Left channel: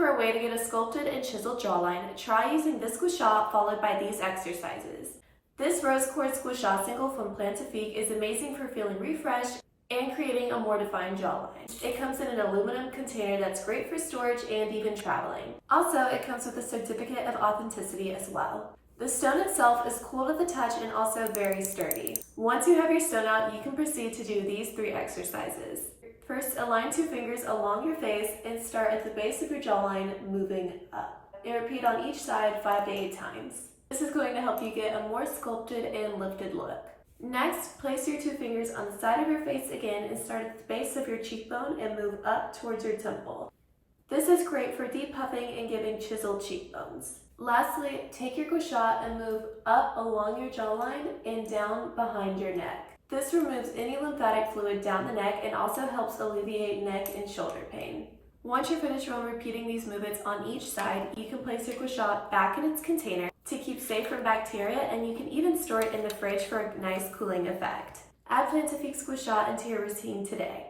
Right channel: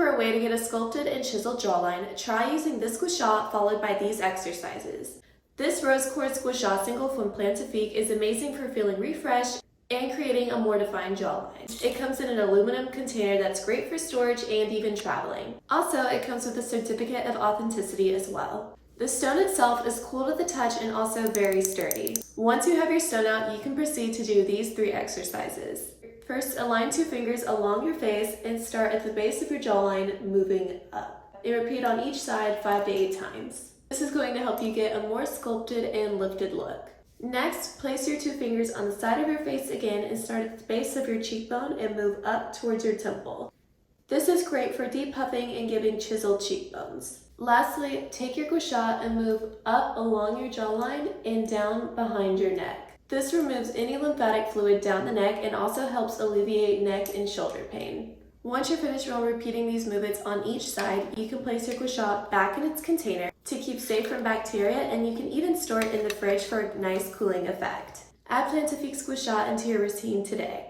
for a way to get a sculpted and chiseled jawline, try using this gua sha followed by these exercises. This Rose Quartz Gua Sha single from Plantifique is amazing for feeling refreshed and creating a more defined jawline. It comes in an aluminum container that's great for storage and even traveling. Also, it comes with a certificate of authenticity as well. The stone itself is cool to the touch and also very sturdy. Once you have your stone out, you can proceed to do these 3 exercises. First, align 2 fingers along your face and start at the base of your jawline, moving up. And repeat on each side 5 to 8 times. This is going to help you get a more sculpted and lifted look. Next, place your 2 fingers on the side of your face again and start at the base of your cheekbone and move up towards your temple. This is great for depuffing and giving chiseled cheekbones. Lastly, take your gua sha and move up along your jawline and down behind your neck. This removes any lymphatic fluid down the neck and also helps alleviate neck and shoulder pain. Once you're finished repeating these movements on each side, you can place your gua sha back in its container to keep safe from bacteria, and you can even store it in the fridge for a nice cooling effect. Add Plantifique's Gua Sha into your routine today.